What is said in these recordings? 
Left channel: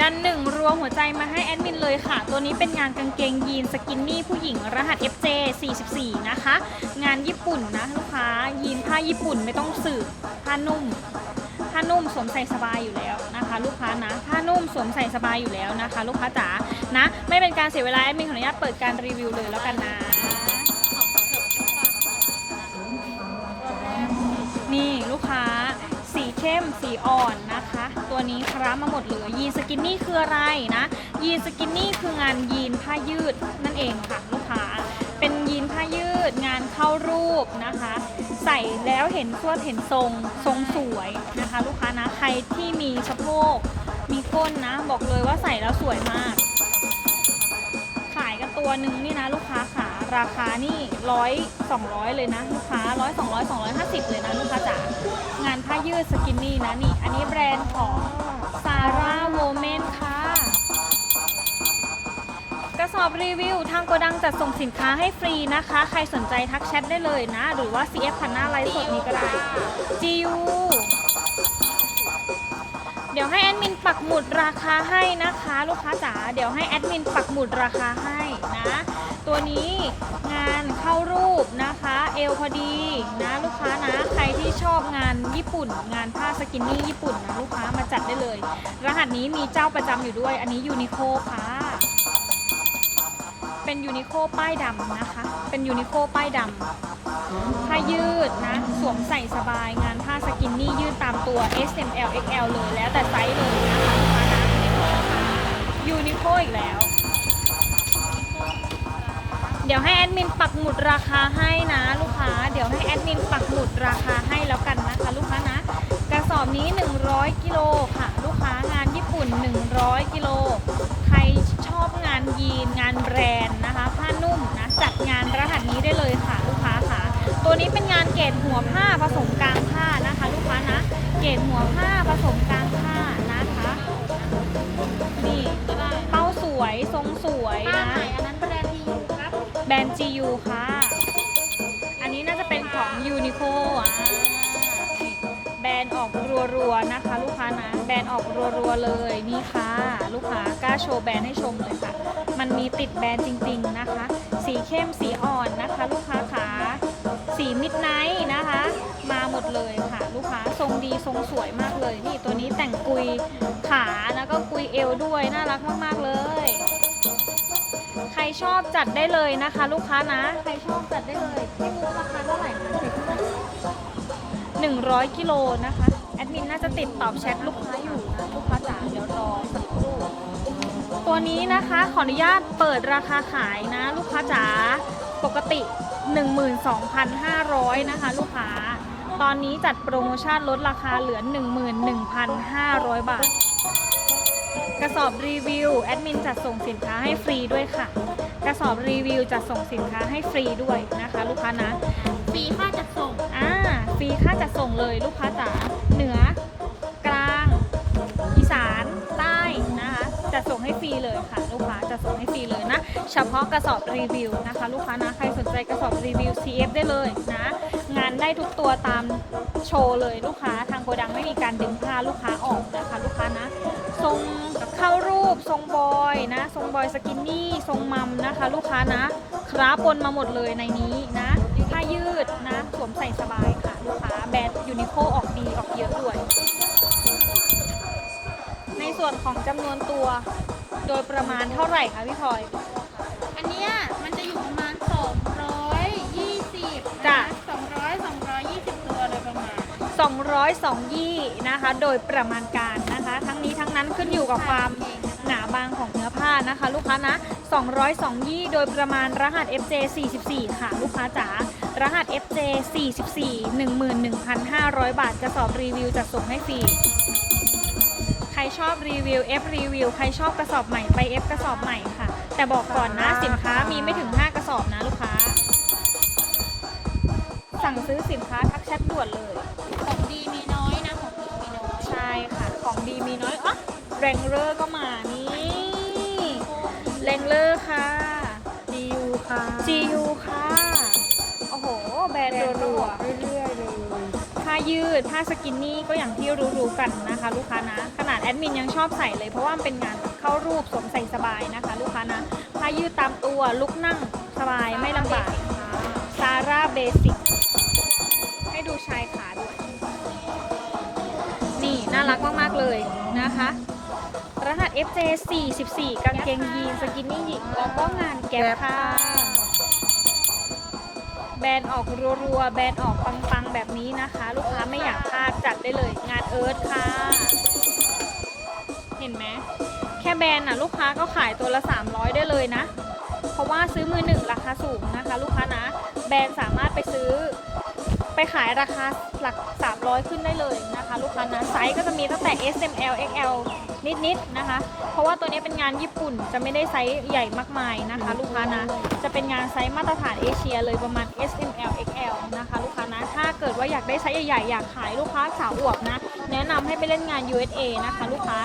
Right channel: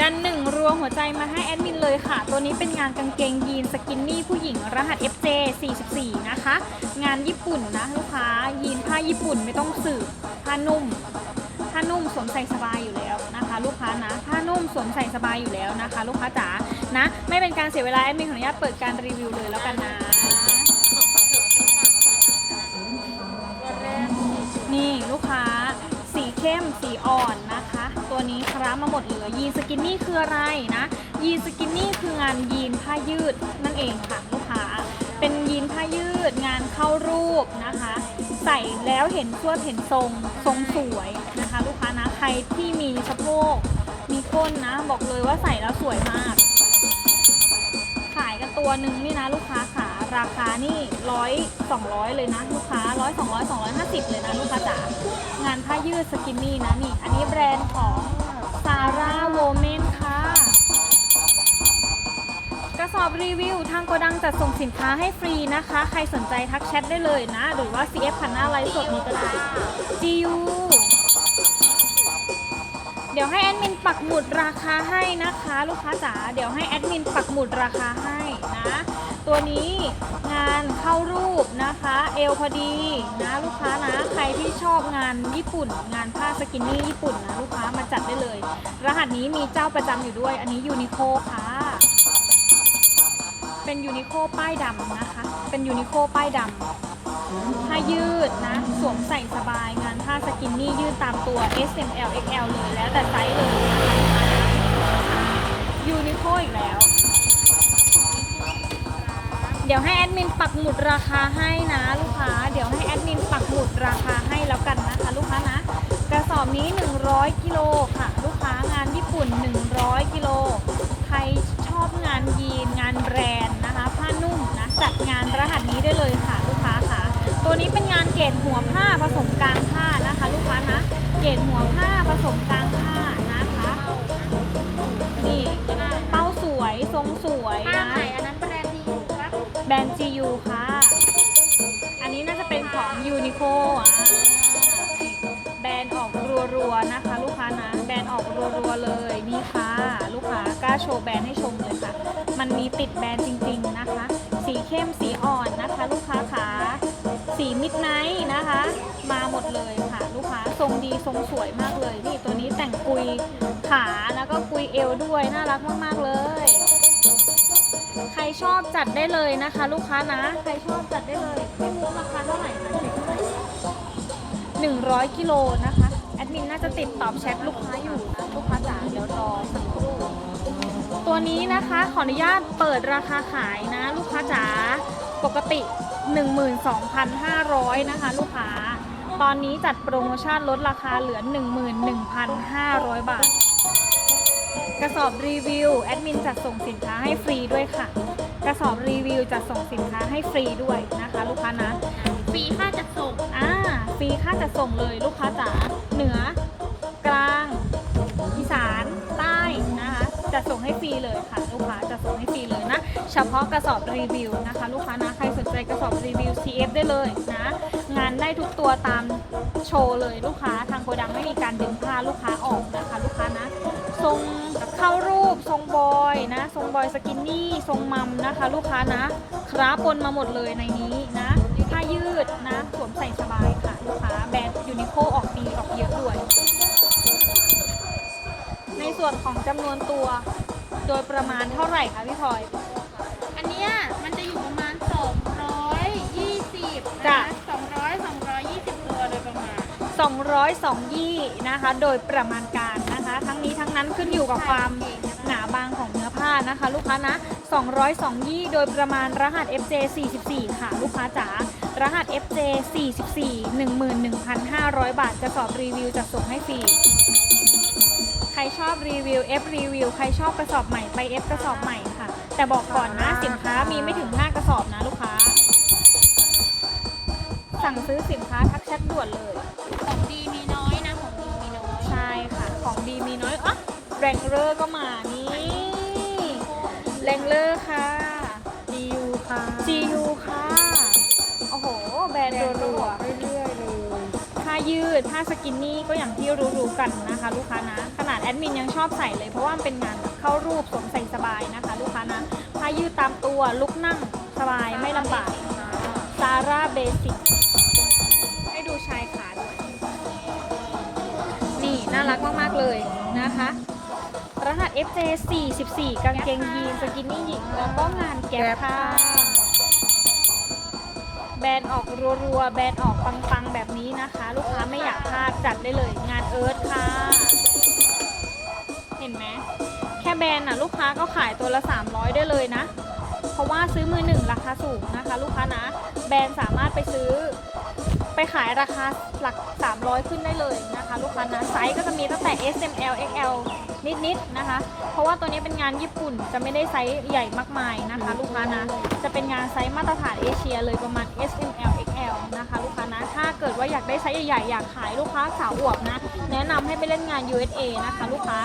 ดันหนึ่งรัวหัวใจมาให้แอดมินเลยค่ะ ตัวนี้เป็นงานกางเกงยีนสกินนี่ผู้หญิงรหัส FJ 44 นะคะ งานญี่ปุ่นนะลูกค้า ยีนผ้าญี่ปุ่นไม่ต้องสืบผ้านุ่มผ้านุ่มสวมใส่สบายอยู่แล้วนะคะ ลูกค้านะผ้านุ่มสวมใส่สบายอยู่แล้วนะคะ ลูกค้าจ๋านะ ไม่เป็นการเสียเวลาแอดมินขออนุญาตเปิดการรีวิวเลยแล้วกันนะนี่ลูกค้า มสีอ่อนนะคะ ตัวนี้คร้ามาหมดเลยยีนสกินนี่คืออะไรนะ ยีนสกินนี่คืองานยีนผ้ายืดนั่นเองค่ะลูกค้า เป็นยีนผ้ายืดงานเข้ารูปนะคะ ใส่แล้วเห็นทั่วเห็นทรงทรงสวยนะคะลูกค้านะใครที่มีสะโพกมีก้นนะ บอกเลยว่าใส่แล้วสวยมาก ขายกันตัวหนึ่งนี่นะลูกค้าขา ราคานี่ร้อยสองร้อยเลยนะลูกค้าร้อยสองร้อยสองร้อยห้าสิบเลยนะลูกค้าจ๋างานผ้ายืดสกินนี่นะนี่ อันนี้แบรนด์ของซาร่าโวเมนค่ะ กระสอบรีวิวทางโกดังจัดส่งสินค้าให้ฟรีนะคะ ใครสนใจทักแชทได้เลยนะ หรือว่า CF พันหน้าไลฟ์สดมีก็ได้ GU เดี๋ยวให้แอดมินปักหมุดราคาให้นะคะ ลูกค้าจ๋าเดี๋ยวให้แอดมินปักหมุดราคาให้ ตัวนี้งานเข้ารูปนะคะ เอวพอดีนะลูกค้านะ ใครที่ชอบงานญี่ปุ่น งานผ้าสกินนี่ญี่ปุ่นนะลูกค้ามาจัดได้เลย รหัสนี้มีเจ้าประจำอยู่ด้วย อันนี้ยูนิโคค่ะ เป็นยูนิโคป้ายดำนะคะ เป็นยูนิโคป้ายดำผ้ายืดนะ สวมใส่สบายงานผ้าสกินนี่ยืดตามตัว S M L X L เลยแล้วแต่ไซส์เลยยูนิโคอีกแล้ว เดี๋ยวให้แอดมินปักหมุดราคาให้นะลูกค้า เดี๋ยวให้แอดมินปักหมุดราคาให้แล้วกันนะคะลูกค้านะกระสอบนี้ 100กิโลค่ะ ลูกค้างานญี่ปุ่น 100กิโลใครชอบงานยีนงานแบรนด์นะคะผ้านุ่มนะจัดงานรหัสนี้ได้เลยค่ะ ลูกค้าค่ะ ตัวนี้เป็นงานเกรดหัวผ้าผสมกลางผ้านะคะ ลูกค้านะ เกรดหัวผ้าผสมกลาง ค่ะ อันนี้น่าจะเป็นของ Uniqlo อะแบรนด์ออกรัวๆนะคะ ลูกค้านะแบรนด์ออกรัวๆเลยนี่ค่ะ ลูกค้ากล้าโชว์แบรนด์ให้ชมเลยค่ะ มันมีติดแบรนด์จริงๆนะคะ สีเข้มสีอ่อนนะคะ ลูกค้าขาสีมิดไนท์นะคะ มาหมดเลยค่ะ ลูกค้าทรงดีทรงสวยมากเลยนี่ตัวนี้แต่งกุยขาแล้วก็กุยเอวด้วยน่ารักมากๆเลย ชอบจัดได้เลยนะคะ ลูกค้านะ ใครชอบจัดได้เลยไม่รู้ราคาเท่าไหร่นะ100กิโลนะคะ แอดมินน่าจะติดตอบแชทลูกค้าอยู่นะลูกค้าจ๋าเดี๋ยวรอสักครู่ตัวนี้นะคะขออนุญาตเปิดราคาขายนะ ลูกค้าจ๋าปกติ 12,500 นะคะ ลูกค้า ตอนนี้จัดโปรโมชั่นลดราคาเหลือ 11,500 บาท กระสอบรีวิว แอดมินจัดส่งสินค้าให้ฟรีด้วยค่ะ กระสอบรีวิวจัดส่งสินค้าให้ฟรีด้วยนะคะลูกค้านะฟรีค่าจัดส่งอ่าฟรีค่าจัดส่งเลยลูกค้าจ๋าเหนือกลางอีสานใต้นะคะจัดส่งให้ฟรีเลยค่ะลูกค้าจัดส่งให้ฟรีเลยนะ เฉพาะกระสอบรีวิวนะคะ ลูกค้านะใครสนใจกระสอบรีวิว CF ได้เลยนะงานได้ทุกตัวตามโชว์เลยลูกค้าทางโกดังไม่มีการดึงผ้าลูกค้าออกนะคะลูกค้านะทรง เข้ารูปทรงบอยนะ ทรงบอยสกินนี่ทรงมัมนะคะ ลูกค้านะ คราปนมาหมดเลยในนี้นะผ้ายืดนะสวมใส่สบายค่ะลูกค้าแบรนด์ยูนิโคออกดีออกเยอะด้วย ในส่วนของจำนวนตัว โดยประมาณเท่าไหร่คะพี่พลอยอันเนี้ยมันจะอยู่ประมาณ 220จ้ะ 200 220 ตัวโดยประมาณ 202ยี่นะคะ โดยประมาณการนะ ขึ้นอยู่กับความหนาบางของเนื้อผ้านะคะ ลูกค้านะ 202ยี่โดยประมาณรหัส FJ 44ค่ะ ลูกค้าจ๋ารหัส FJ 44 11,500 บาทกระสอบรีวิวจะส่งให้ฟรีใครชอบรีวิว F รีวิว ใครชอบกระสอบใหม่ไป F กระสอบใหม่ค่ะ แต่บอกก่อนนะสินค้ามีไม่ถึง 5 กระสอบนะลูกค้า สั่งซื้อสินค้าทักแชทด่วนเลย ของดีมีน้อยนะ ของดีมีน้อย ใช่ค่ะ ของดีมีน้อยอะ แรงเลอร์ก็มานี่แรงเลอร์ค่ะดียูค่ะ GU ค่ะ โอ้โห แบรนด์รัวเรื่อยๆเลยๆใครยืดผ้าสกินนี่ก็อย่างที่รู้ๆกันนะคะ ลูกค้านะ ขนาดแอดมินยังชอบใส่เลยเพราะว่ามันเป็นงานเข้ารูปสวมใส่สบายนะคะ ลูกค้านะผ้ายืดตามตัวลุกนั่งสบายไม่ลำบากซาร่าเบสิกให้ดูชายขาดูนี่น่ารักมากๆเลยนะคะ รหัส FJ 44กางเกงยีนสกินนี่หญิงแล้วก็งานแก๊ปค่ะ แบรนด์ออกรัวๆ แบรนด์ออกปังๆแบบนี้นะคะ ลูกค้าไม่อยากพลาดจัดได้เลยงานเอิร์ธค่ะ เห็นไหม แค่แบรนด์น่ะลูกค้าก็ขายตัวละ 300 ได้เลยนะ เพราะว่าซื้อมือหนึ่งราคาสูงนะคะ ลูกค้านะ แบรนด์สามารถไปซื้อ ไปขายราคาหลัก 300 ขึ้นได้เลยนะคะ ลูกค้านะไซส์ก็จะมีตั้งแต่ S M L X L นิดๆนะคะ เพราะว่าตัวนี้เป็นงานญี่ปุ่นจะไม่ได้ไซส์ใหญ่มากมายนะคะ ลูกค้านะจะเป็นงานไซส์มาตรฐานเอเชียเลยประมาณ S M L X L นะคะ ลูกค้านะถ้าเกิดว่าอยากได้ไซส์ใหญ่ๆอยากขายลูกค้าสาวอวบนะแนะนำให้ไปเล่นงาน USA นะคะ ลูกค้า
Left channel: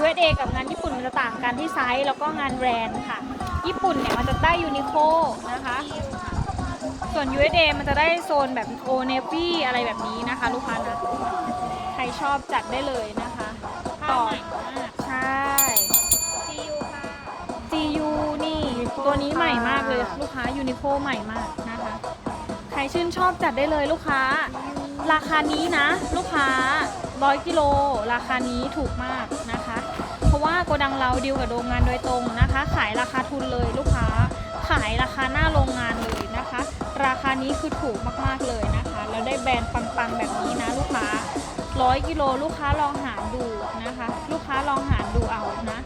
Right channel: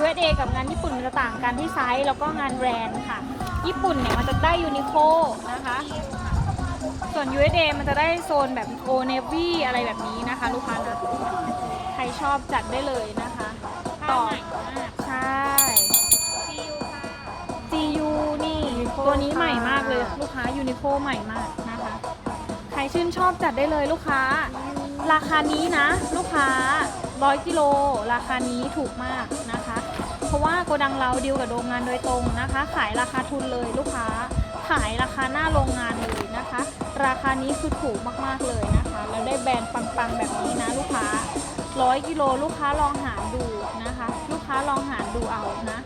USA กับงานญี่ปุ่นมันจะต่างกันที่ไซส์แล้วก็งานแบรนด์ค่ะ ญี่ปุ่นเนี่ยมันจะได้ยูนิโคนะคะ ส่วน USA มันจะได้โซนแบบโอเนวี่อะไรแบบนี้นะคะ ลูกค้าใครชอบจัดได้เลยนะคะ ต่อใช่ GU นี่ตัวนี้ใหม่มากเลยลูกค้ายูนิโคใหม่มากนะคะ ใครชื่นชอบจัดได้เลยลูกค้า ราคานี้นะ ลูกค้า100กิโลราคานี้ถูกมากนะคะ เพราะว่าโกดังเราดีลกับโรงงานโดยตรงนะคะ ขายราคาทุนเลยลูกค้า ขายราคาหน้าโรงงานเลยนะคะ ราคานี้คือถูกมากๆเลยนะคะแล้วได้แบรนด์ปังๆแบบนี้นะลูกค้า100กิโลลูกค้าลองหาดูนะคะ ลูกค้าลองหาดูเอานะ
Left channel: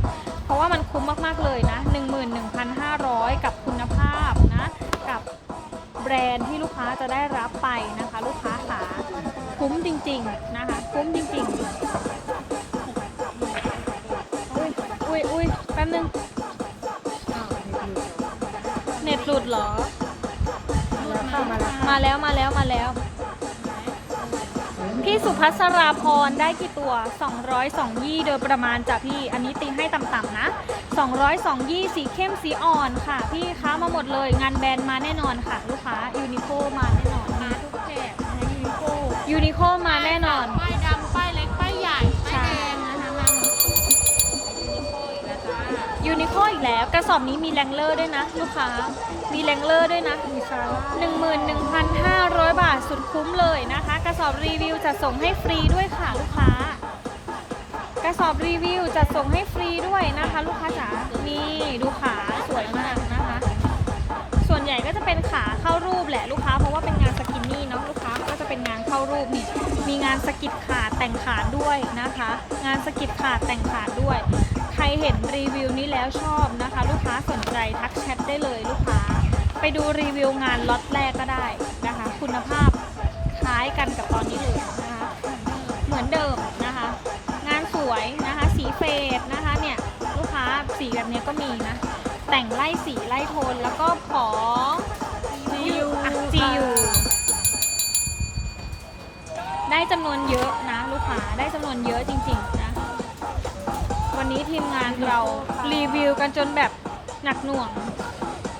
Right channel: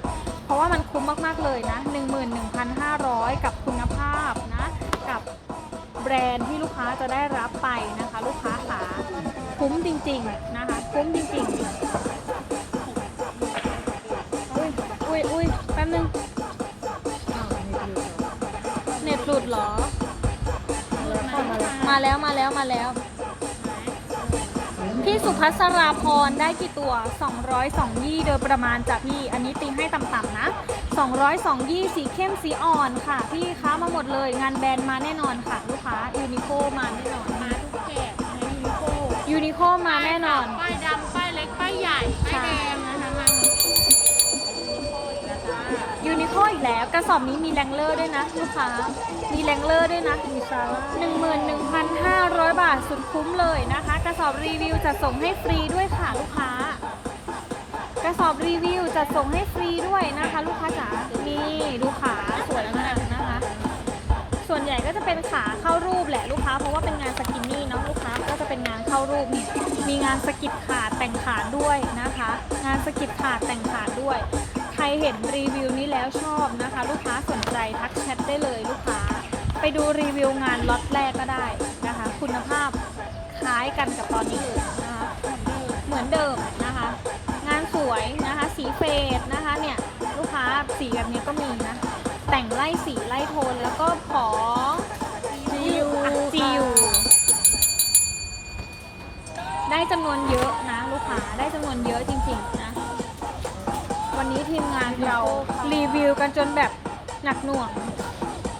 เพราะว่ามันคุ้มมากๆเลยนะ 11,500 กับคุณภาพนะ กับแบรนด์ที่ลูกค้าจะได้รับไปนะคะ ลูกค้าขาคุ้มจริงๆนะคะ คุ้มจริงๆ อุ้ยอุ้ยแป๊บนึงเน็ตหลุดเหรอ มาแล้วมาแล้วมาแล้ว พี่สุภัสราพรได้กี่ตัว 202ยี่โดยประมาณจ้ะพี่ อันนี้ตีให้ต่ำๆนะ202ยี่สีเข้มสีอ่อนค่ะ พี่ค้ามาหมดเลย งานแบรนด์มาแน่นอนค่ะ ลูกค้ายูนิโคมาแน่นอนมาทุกแจกในยูนิโคยูนิโคมาแน่นอนป้ายดำป้ายเล็กป้ายใหญ่ป้ายแดง นะคะมาอีกแล้วกระสอบนี้มีแรงเลอร์ด้วยนะลูกค้า มีแรงเลอร์ด้วยนะ11,500บาทสุดคุ้มเลยนะคะ กระสอบรีวิวจะส่งให้ฟรีด้วยค่ะลูกค้า กระสอบรีวิวจะส่งให้ฟรีด้วยนะคะ ลูกค้าจ๋านี่ดูขาสวยมากนะคะ ส่วนใหญ่ก็จะเป็นขาเข้ารูปแหละลูกค้าเพราะว่าเป็นงานสก มีงานสกิดขาดแต่งขาดด้วยนะคะ งานสกิดขาดแต่งขาดด้วย ใครเห็นรีวิวนี้แล้วชอบนะคะ ลูกค้าสนใจทักแชทได้เลยลูกค้า ไปดูรีวิวงานล็อตแรกก็ได้นะคะ คุณภาพคล้ายกันกับตอนนี้เลยนะคะเหมือนเดิมนะคะ งานสวยนะคะ สีเฟดนะคะเนี่ยลูกค้าสีแบบนี้ก็มีนะแต่งไล่สีไล่โทนแล้ว จำนวนเยอะนะลูกค้าได้จำนวนเยอะจริงๆนะ วันนี้ทีมงานเรารีวิวกันจนแบบหนักหน่วง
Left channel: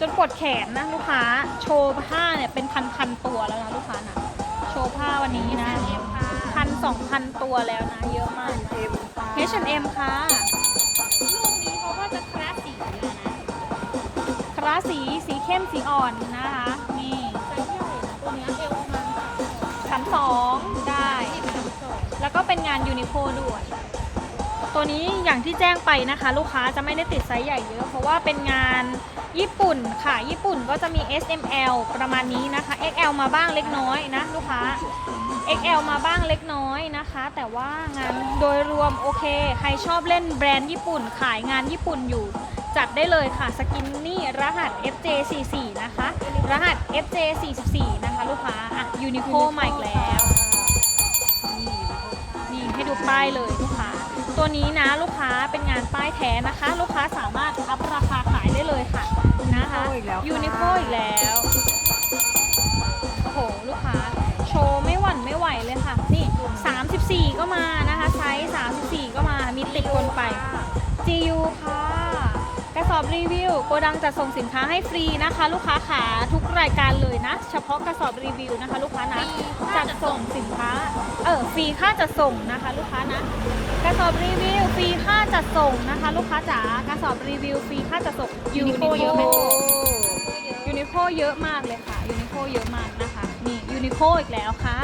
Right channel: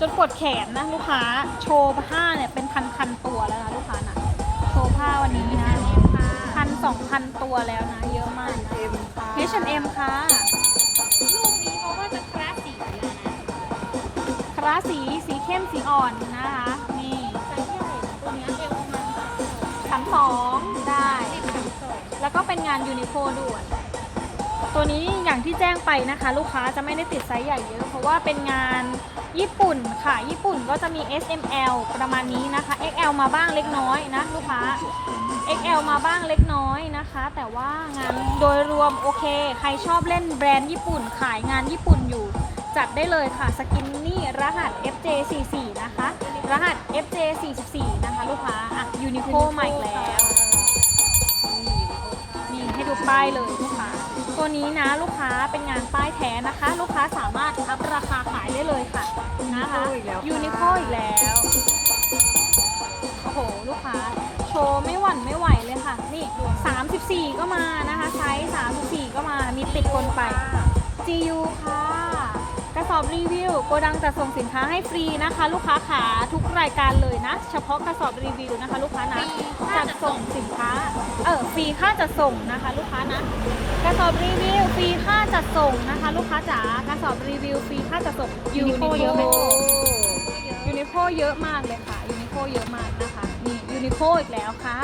จนปวดแขนนะลูกค้าโชว์ผ้าเนี่ยเป็นพันๆตัวแล้วนะลูกค้านะโชว์ผ้าวันนี้นะพันสองพันตัวแล้วนะเยอะมาก H&M ค่ะลูกนี้เขาก็จะคลาสสีนะคราสีสีเข้มสีอ่อนนะคะนี่ไซส์ใหญ่ตัวเนี้ยเอวประมาณพันสอง ก็เป็นงานยูนิโคด้วย ตัวนี้อย่างที่แจ้งไปนะคะ ลูกค้าจะไม่ได้ติดไซส์ใหญ่เยอะ เพราะว่าเป็นงานญี่ปุ่นค่ะ ญี่ปุ่นก็จะมี S M L ประมาณนี้นะคะ X L มาบ้างเล็กน้อยนะลูกค้า X L มาบ้างเล็กน้อยนะคะ แต่ว่างานโดยรวมโอเค ใครชอบเล่นแบรนด์ญี่ปุ่น ขายงานญี่ปุ่นอยู่ จัดได้เลยค่ะสกินนี่รหัส FJ 4 4นะคะ รหัส FJ 4 4นะคะ ลูกค้าอะยูนิโคใหม่แล้ว นี่ให้ดูป้ายเลยลูกค้าตัวนี้นะลูกค้าเป็นงานป้ายแท้นะคะ ลูกค้าสามารถอัพราคาขายได้เลยค่ะนะคะยูนิโคอีกแล้วโอ้โหลูกค้าโชว์ไม่หวั่นไม่ไหวเลยค่ะนี่34 ก็มานะคะไซส์34 ก็มามีติดคนไป GU ค่ะกระ สสอบรีวิวโกดังจะส่งสินค้าให้ฟรีนะคะ ลูกค้าขาทุกรายการเลยนะ เฉพาะกระสอบรีวิวนะคะ ลูกค้านะจัดส่งสินค้าเออฟรีค่าจัดส่งนะคะ ลูกค้านะกระสอบรีวิวฟรีค่าจัดส่งนะคะ ลูกค้าจ๋ากระสอบรีวิวฟรีค่าจัดส่งยูนิโคเยอะไหมยูนิโคเยอะมากเลยค่ะยูนิโคเยอะมากนะคะนี่ยูนิโคอีกแล้วค่ะ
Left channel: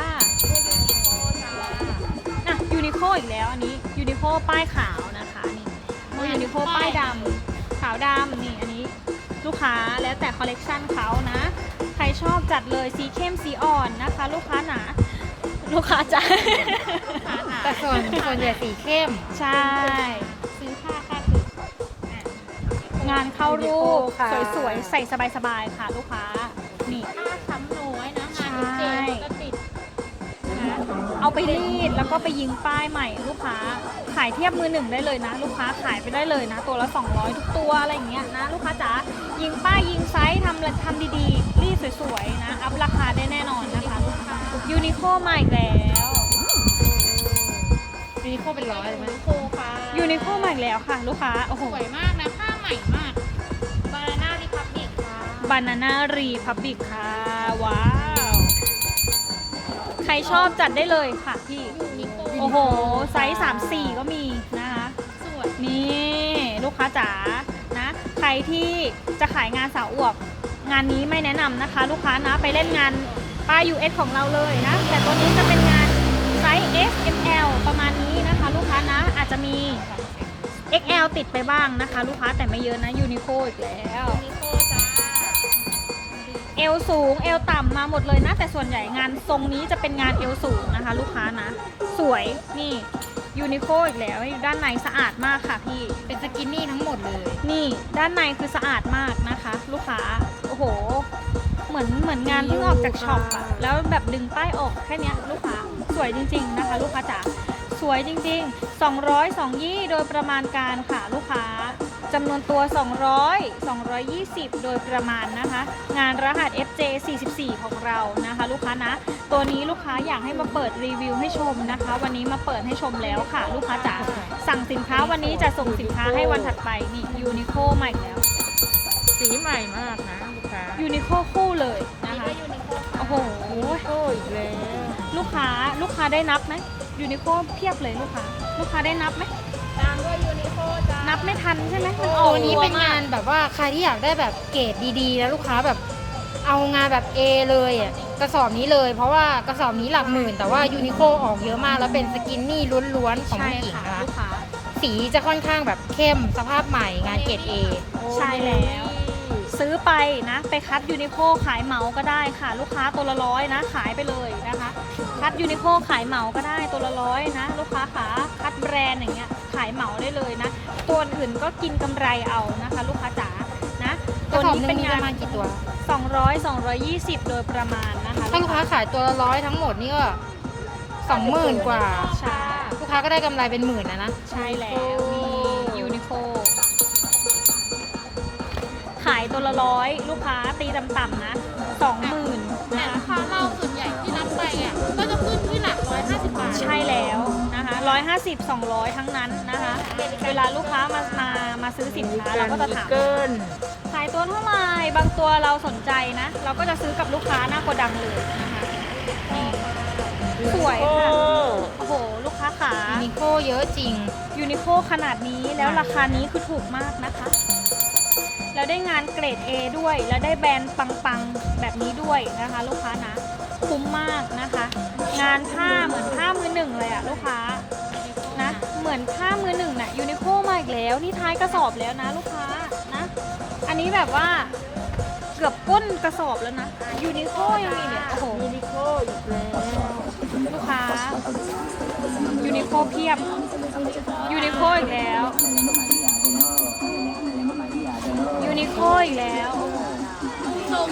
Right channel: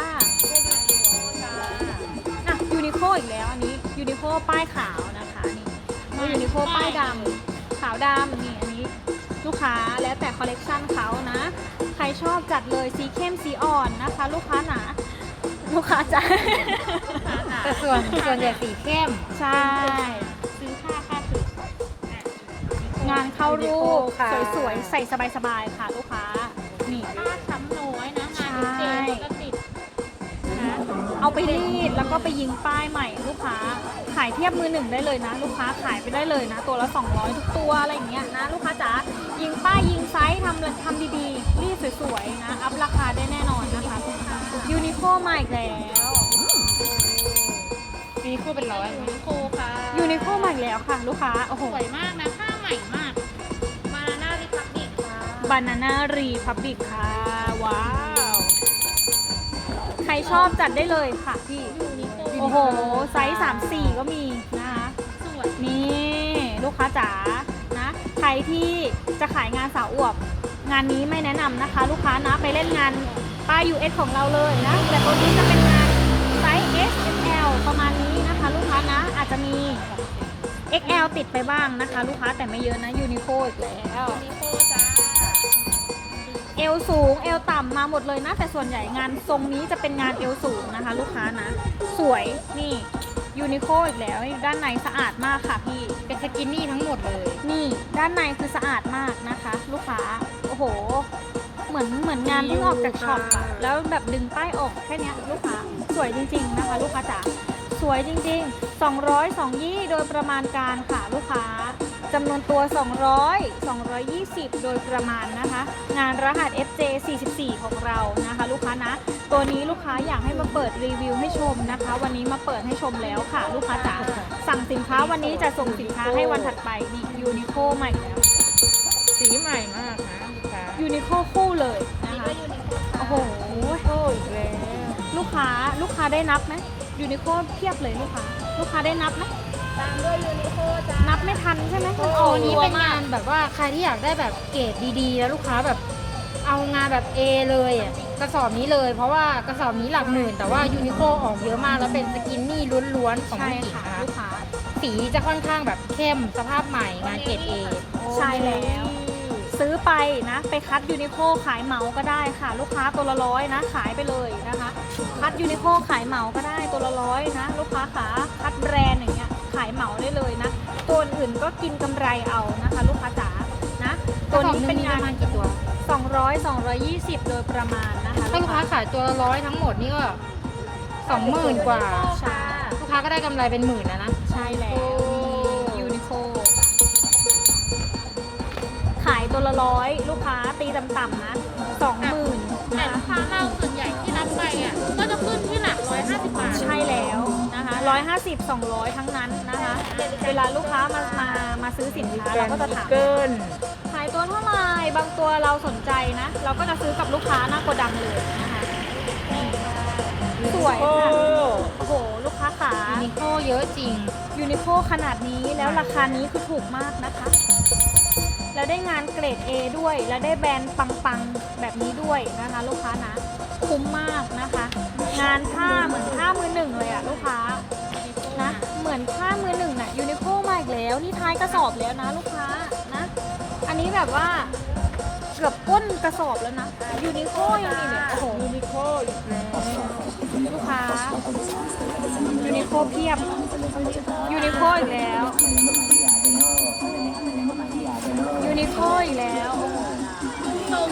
อะยูนิโคอีกแล้วอันนี้ยูนิโคป้ายขาวนะคะนี่แล้วยูนิโคป้ายดำขาว ดำนี่อันนี้ลูกค้าแล้วแต่คอลเลกชันเขานะ ใครชอบจัดเลยสีเข้มสีอ่อนนะคะ ลูกค้าหนาลูกค้าใจแต่ส่วนส่วนใหญ่สีเข้ม ใช่ซื้อค่าค่าถืองานเข้ารูปค่ะสวยๆ ใส่สบายๆ ค่ะลูกค้านี่ผ้า ไปรีดแล้วก็ไปยิงป้ายใหม่ลูกค้า ขายเทียบมือหนึ่งได้เลยนะ ลูกค้าขายไปได้เลยนะ ตัวละ 200 ทุกตัวอะไรอย่างเงี้ยนะ ลูกค้าจ๋ายิงป้ายยิงไซส์ทำทำดีๆ รีดสวยๆนะ อัพราคาได้แน่นอนนะคะยูนิโคมาอีกแล้วยูนิโคเป็นร้อยเลยนะโคค่ะยูนิโคมาอีกแล้วค่ะลูกค้าโอ้โหสวยมากนะผ้าใหม่มากบานาน่าริพับบิกค่ะบานาน่ารีพับบิกค่ะว้าว ใครชอบจัดได้เลยค่ะพี่ยูนิโคโอ้โห ไซส์3 4ก็มีนะคะสวยนี่ลูกค้าจ๋า นะ ใครที่จะขายงานสาวอวบ งานนี้ไม่แนะนำนะคะ ลูกค้านะ ไปเล่นงานป้าย US ของเราเลยนะ แต่ตัวนี้จะเป็นงานไซส์ S XL ประมาณนี้นะคะ ลูกค้านะ อาจจะมี XL ติดไปบ้างนะคะ ลูกค้าแต่ไม่เยอะนะยูนิโคอีกแล้วยูนิโคจ้า เอวสูง เอวต่ำมาหมดเลยนะ แต่ส่วนใหญ่งานทรงนี้จะเป็นงานเอวสูงนะคะ ลูกค้านะ สวยนี่ยูนิโคอีกแล้วนี่ด้านในสะอาดมากค่ะพี่ เป็นสกินนี่ทั้งหมดเลย นี่ด้านในคือสะอาดมากนะคะ ลูกค้าโอ้โห เหมือนเหมือนงานเพิ่งออกจากช็อปอะแล้วแบบดึงป้ายออกแค่เนี้ยลูกค้าสวยจริง ๆ นะคะ ลูกค้าจ๋าสวยจริง ๆ 200 2ยี่โดยประมาณการค่ะลูกค้า จำนวนตัว 200 220 โดยประมาณนะคะ งานรหัส FJ 44 ของเรานะคะ ลูกค้านะ ตัวนี้ลูกค้าอยากให้มาเปิดรีวิวให้ชมนะคะ วันนี้มาเปิดให้ชมแล้วค่ะ ลูกค้าจ๋าสั่งสินค้าวันนี้จะส่งสินค้าให้วันถัดไปนี่ยูนิโคใหม่แล้วสีใหม่มากนะลูกค้ายูนิโคคู่เลยนะคะโอ้โหยูนิโคอีกแล้วลูกค้าลูกค้าได้นับไหมยูนิโคเพียบเลยลูกค้า ลูกค้าได้นับไหม ตามด้วยยูนิโคจ้านับไม่ทันใช่ไหมมันออกตัวนี้เป็นรัวมงานแบบว่าใครที่อยากได้แบบเกรดดีๆ แล้วลูกค้าแบบเอางานแบบ A เลยอะกระสอบนี้เลย เพราะว่ากระสอบนี้หลักหมื่น แต่ว่ายูนิโคออกเยอะมากแล้วเป็นสกินนี่ล้วนๆของใช่ผู้หญิงค่ะนะลูกค้า สีจะค่อนข้างแบบเข้มสภาพใหม่งานเกรด A ใช่แล้ว ซื้อไปนะ ไปคัดยูนิโคขายเหมาก็ได้ค่ะ ลูกค้าตัวละร้อยนะ ขายไปเลยนะคะ คัดยูนิโคขายเหมาก็ได้ตัวละร้อยนะ ลูกค้าขาคัดแบรนด์อย่างเงี้ยขาย อื่นก็กินกำไรเอานะคะลูกค้าจ๋านะตัตัววนี้นี้เป็เป็นนปงาระมาณนกี่ตัว200 220 โดยประมาณนะคะถ้าลูกค้าขายตัวละร้อยทั้งหมดนี่ก็สองหมื่นกว่าใช่ลูกค้าก็ได้กำไรเป็นหมื่นนะนะใช่แล้วยูนิโคขายตัวละร้อยลูกค้าตีต่ำๆนะสองหมื่นแต่นะลูกค้าเราส่วนใหญ่ที่รับไปอะก็จะขึ้นที่หลักร้อยห้าสิบบาทใช่แล้ว นะคะร้อยห้าสิบสองร้อยทั้งนั้นนะคะ เวลาลูกค้ามามามาซื้อสินค้าเราก็จะถามขายตัวเท่าไหร่บางตัวเราสนใจนะ เราก็จะซื้อกับลูกค้าหน้าโกดังเลยนะคะนี่สวยค่ะโอ้โห ลูกค้าขายูนิโคเยอะจริง ยูนิโคขนาดนี้แล้วราคานี้คือถูกมากนะคะแล้วได้งานเกรด A ด้วย แล้วได้แบรนด์ปังๆ แบบนี้ด้วยนะคะ ลูกค้านะ คุ้มมากนะคะ งานผ้าเหมือนผ้ามือหนึ่งเลยอะลูกค้านะเหมื อนผ้ามือหนึ่งน่ะยูนิโคมาอีกแล้ว นี่ท้ายกระสอบแล้วนะลูกค้านะ อันนี้แบบว่าเกือบก้นกระสอบแล้วนะยูนิโคยังมีเนี่ยโอ้โหยูนิโคอีกแล้วลูกค้ายูนิโคเพียบยูนิโคอีกแล้วยูนิโคอีกแล้ว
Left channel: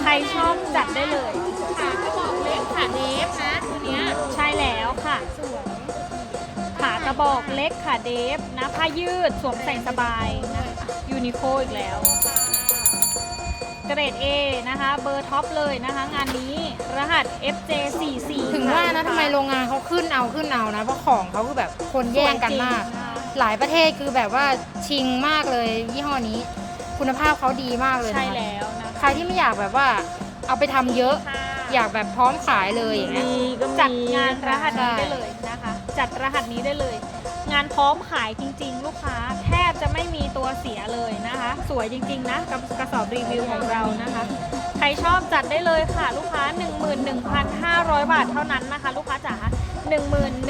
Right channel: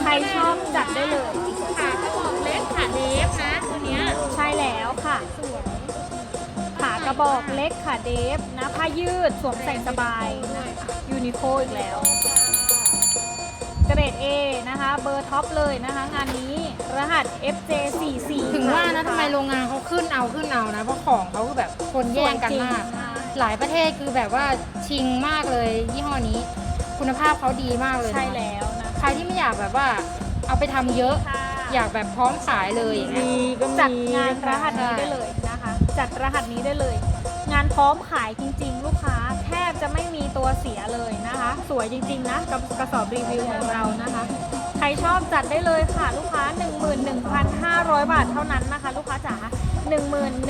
ใครชอบจัดได้เลยขากระบอกเล็กขาเดฟนะตัวเนี้ยใช่แล้วค่ะขา กระบอกเล็กขาเดฟนะผ้ายืดสวมใส่สบาย ยูนิโคอีกแล้ว เกรด A นะคะ เบอร์ท็อปเลยนะคะ งานนี้รหัส FJ44 ถึงว่านะทำไมโรงงานเขาขึ้นเอาขึ้นเอานะ เพราะของเขาคือแบบคนแย่งกันมาก หลายประเทศคือแบบว่าชิงมากเลยยี่ห้อนี้ คุณภาพเขาดีมากเลยนะใช่แล้วนะใครที่ไม่อยากแบบว่าเอาไปทำเยอะ อยากแบบพร้อมขายเลยอย่างเงี้ยมีก็มีจัดงานรหัสนี้ใช่ได้เลยนะคะ จัดรหัสนี้ได้เลย งานพร้อมขายจริง ๆ ลูกค้าแทบจะไม่มีตัวเสียเลยนะคะ สวยจริง ๆ นะกับกระสอบรีวิวของเรานะคะ ใครชอบจัดได้เลยค่ะลูกค้า 11,500 บาทเท่านั้นนะคะ ลูกค้าจ๋า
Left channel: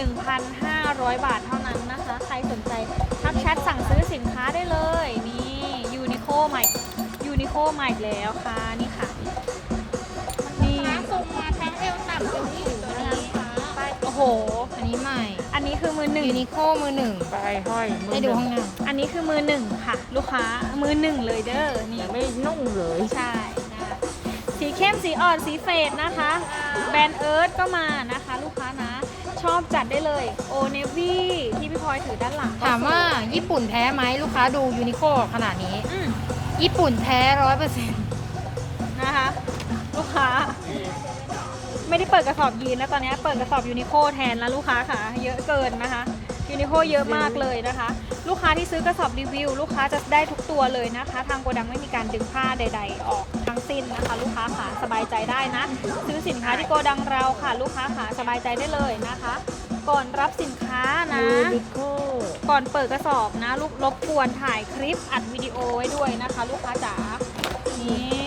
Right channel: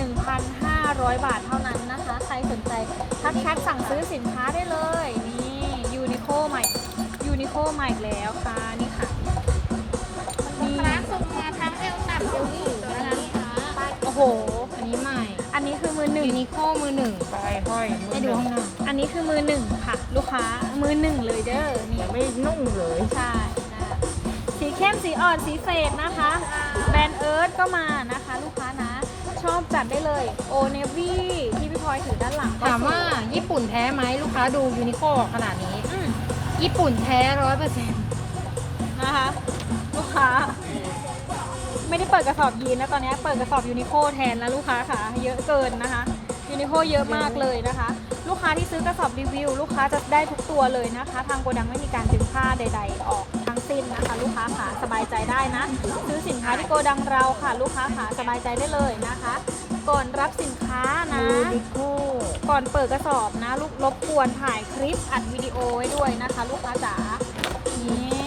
11,500 บาทเท่านั้นนะคะ ใครสนใจทักแชทสั่งซื้อสินค้าได้เลยนี่ยูนิโคใหม่ยูนิโคใหม่แล้วค่ะนี่ค่ะนี่ร้านส่งมาทั้งเอวต่ำเอวสูงนะคะโอ้โห อันนี้ใหม่อั นนี้คือมือหนึ่งยูนิโคมือหนึ่งปลายห้อยได้ดูข้างหน้าอันนี้คือมือหนึ่งค่ะ ลูกค้ามือหนึ่งเลยเด้อนี่ ยังไม่นุ่งเลยใช่นะคะสีเข้มสีอ่อนสีเฟดนะคะ แบรนด์เอิร์ธก็มานะคะ ลูกค้านะ ชอบจัดได้เลยโอเนวี่ที่พี่พลอยถือด้านหลังก็ถามว่าสยญี่ปุ่นแท้ไหมลูกค้าดูยูนิโคขนาดนี้ อืมญี่ปุ่นแท้ร้อยเปอร์เซ็นต์นะคะ ลูกค้า ไม่ได้เปิดกระสอบยีนนะตอนนี้เปิดกระสอบยูนิโคแทนแล้วลูกค้าค่ะเยอะเกินนะคะยูนิโคเยอะมากเลยนะคะ ลูกค้าที่ซื้อกระสอบรีวิว ลูกค้าจะได้ทุกตัวเลยนะคะ ทางโกดังไม่มีการดึงค่าใด ๆ ออกทั้งสิ้นนะคะ ลูกค้าขาสบายใจได้นะซื้อสินค้าที่โกดังเราค่ะ ลูกค้าขาสบายใจได้เลยนะคะ ก่อนรับสินค้านะก่อนเปิดกระสอบนะ ลูกรบกวนถ่ายคลิปอัดวิดีโอไว้ด้วยนะคะ ลูกค้าจ๋านี่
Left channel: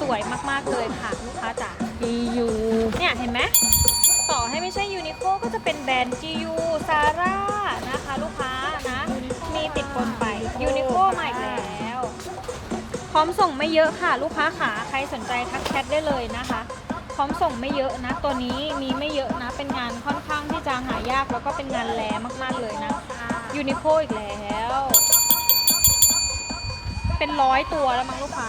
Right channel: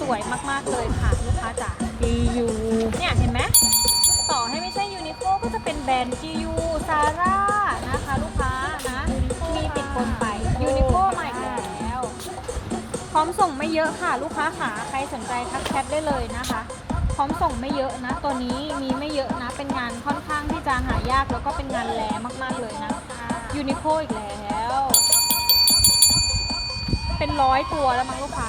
สวยมากๆเลยค่ะลูกค้าจ๋าจียูเนี่ยเห็นไหมต่อให้ไม่ใช่ยูนิโคก็จะเป็นแบรนด์จียูซาร่านะคะลูกค้านะ มีติดคนไปยูนิโคมาอีกแล้ว พร้อมส่งไม่เยอะค่ะ ลูกค้าขาใครสนใจทักแชทได้เลยนะคะ พร้อมส่งไม่เยอะนะ ตัวนี้มีไม่เยอะนะ เป็นงานค่อนข้างที่จะหายากแล้วก็เป็นงานแลมากๆเลยนะยูนิโคอีกแล้ว เป็นร้อยตัวแล้วมั้งลูกค้า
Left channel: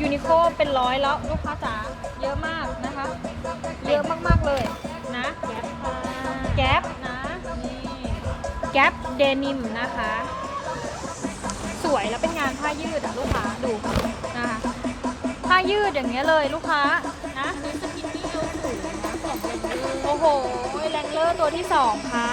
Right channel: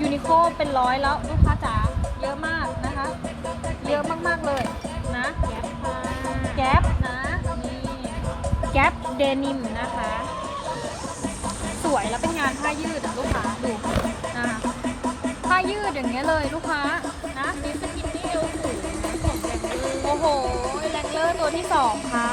ยูนิโคเป็นร้อยแล้วลูกค้าจ๋าเยอะมากนะคะ เยอะมากๆเลยนะแก๊ปนะนี่แก๊ปเดนิมนะคะ สวยแล้วเป็นงานผ้ายืดอะลูกค้าดูนะคะผ้ายืดอย่างเงี้ยเลยลูกค้านะนี่สกินนี่เอวสูงนะของแบรนด์เออโอ้โหแรงเลอร์ตัวที่สองค่ะ